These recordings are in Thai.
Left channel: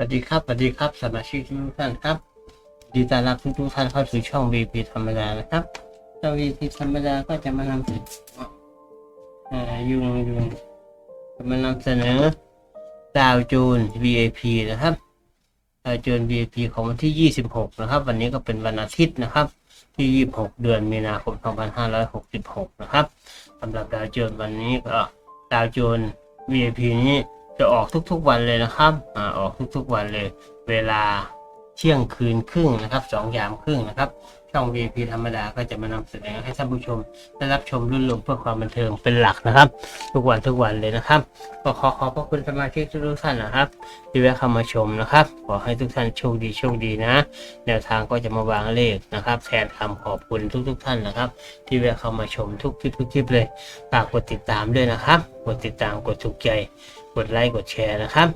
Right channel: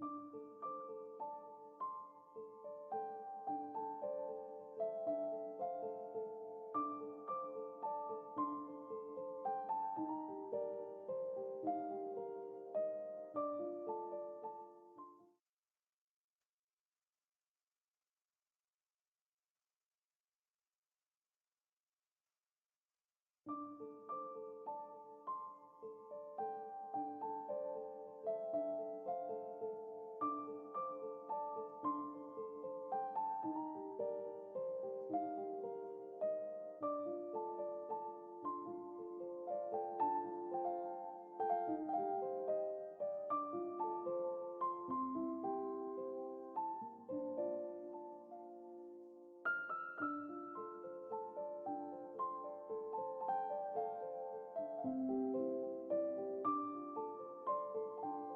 สวัสดีครับ สวัสดีครับสมาชิกทุกท่านครับ ดีต้อนรับทุกทุกท่านเข้าสู่ช่อง VP ธรรมดานะครับช่อง VP ธรรมดาก็จะมานำเสนอยุงยุงจะมานำเสนอดาวโจน VIP นะครับดาวโจน VIP ของวันที่ 26 นะครับ วันนี้ก็เป็นวันอาทิตย์นะครับ ที่ 26 เดือนมีนาคม 2566 นะครับสำหรับดาวโจนวันนี้ก็ดาวโจน VIP นี้ จะออกทุกๆวันเลยนะครับอ่าออกทุกๆวันเลย เวลาเที่ยงคืนครึ่งนะครับสองยามครึ่งนะครับช่อง VIP ธรรมดาก็จะมานำเสนอให้ท่านผู้ชมได้รับชมรุ่นลมเพื่อความบันเทิงเป็นหลักนะครับ ทุกวันทุกวันเลยนะครับก็ขอขอบพระคุณสมาชิกทุกท่านนะครับ ที่แวะเข้ามาชมนะครับ ขอให้ทุกท่านโชคดีโชคดีนะ แนวทางก็จะมาวางเลขนะครับ แทนคำขอบคุณทุกๆท่านนะครับ ที่แวะเข้ามาชมทุกคลิปทุกคลิปเลยฝากกดติดตามด้วยนะครับ กดติดตามกดถูกใจ กดไลค์กดแชร์นะครับ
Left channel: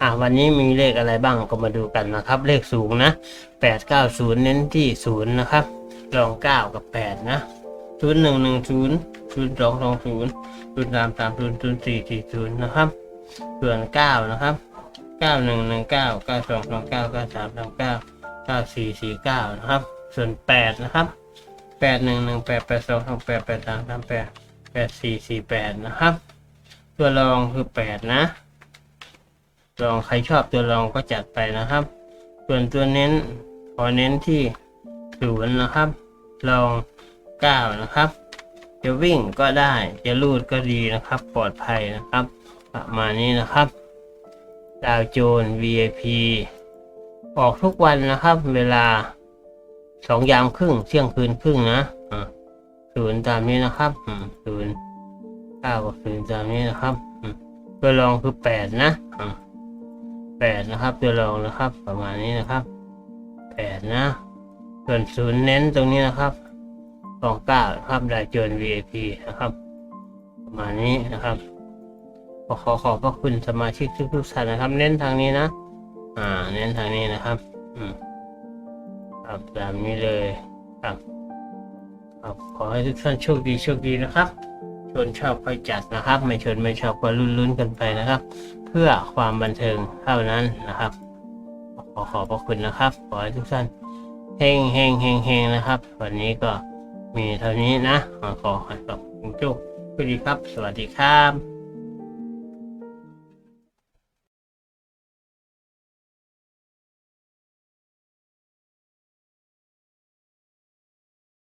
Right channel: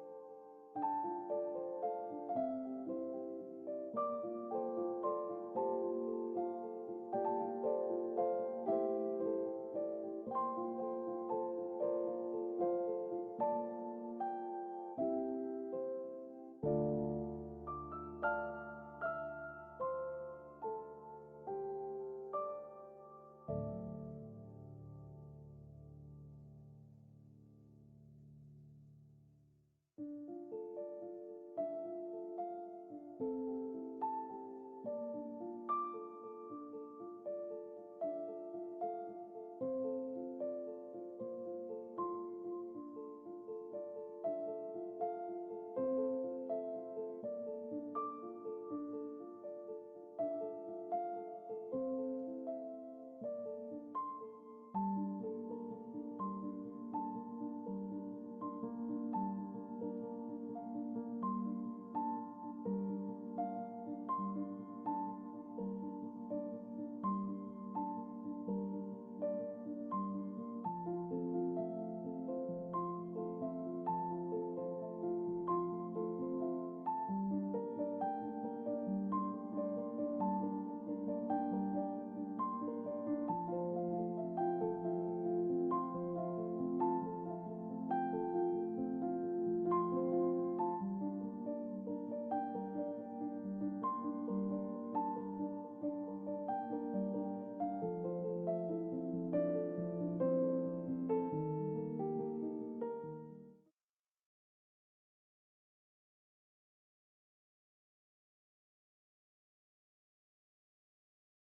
อ่าวันนี้มีเลขอะไรบ้างก็มาดูกันนะครับ เลขสูงนะแปดเก้าศูนย์เน้นที่ศูนย์นะครับรองเก้ากับแปดนะศูนย์หนึ่งหนึ่งศูนย์ศูนย์สองสองศูนย์ศูนย์สามสามศูนย์ศูนย์สี่สี่ศูนย์นะครับ ส่วนเก้านะครับเก้าหนึ่งหนึ่งเก้าเก้าสองสองเก้าเก้าสามสามเก้าเก้าสี่สี่เก้านะครับ ส่วนแปดนะครับแปดหนึ่งหนึ่งแปดแปดสองสองแปดแปดสามสามแปดแปดสี่สี่แปดนะครับ ตัวรองคือแปดนะลองใครชอบตัวรองก็จัดไปนะครับ ส่วนตัวเน้นขอเน้นที่ศูนย์นะครับ ลองเก้านะครับ จะวิ่งก็ได้จะลูดก็ดีนะครับ ปลอดภัยนะครับ ประมาณนี้นะครับ ดาวโจน VIP ออกทุกวันนะครับ เวลาสองยามครึ่งเที่ยงคืนครึ่งนะศูนย์ตามนี้นะครับศูนย์ เก้ากับศูนย์ตามนี้นะครับ ตัวรองคือแปดนะแปดนะครับ ตัวรองนะครับ ประมาณนี้นะครับแปดนะ ส่วนศูนย์เน้นตรงนี้นะครับสองเก้าครับได้เจน VIP นะครับ ประมาณนี้นะครับขอขอขอบพระคุณสมาชิกทุกๆท่านนะครับ เน้นทางนี้นะ อ่า เน้นทางนี้นะครับ อืมครับตามนี้เลยครับครับขอให้ทุกท่านโชคดีโชคดีนะครับ ชนชอบค่อยจัดนะครับ ไม่ชนไม่ชอบก็ลุ้นๆกันไปนะครับ เพื่อความบันเทิงเท่านั้นนะครับ ขอขอบพระคุณนะครับ ขอให้ทุกท่านเฮงเฮงเฮงเฮงนะครับ วันนี้ก็มีเท่านี้นะ ขอขอให้กับคุณโชคดีครับ สวัสดีครับ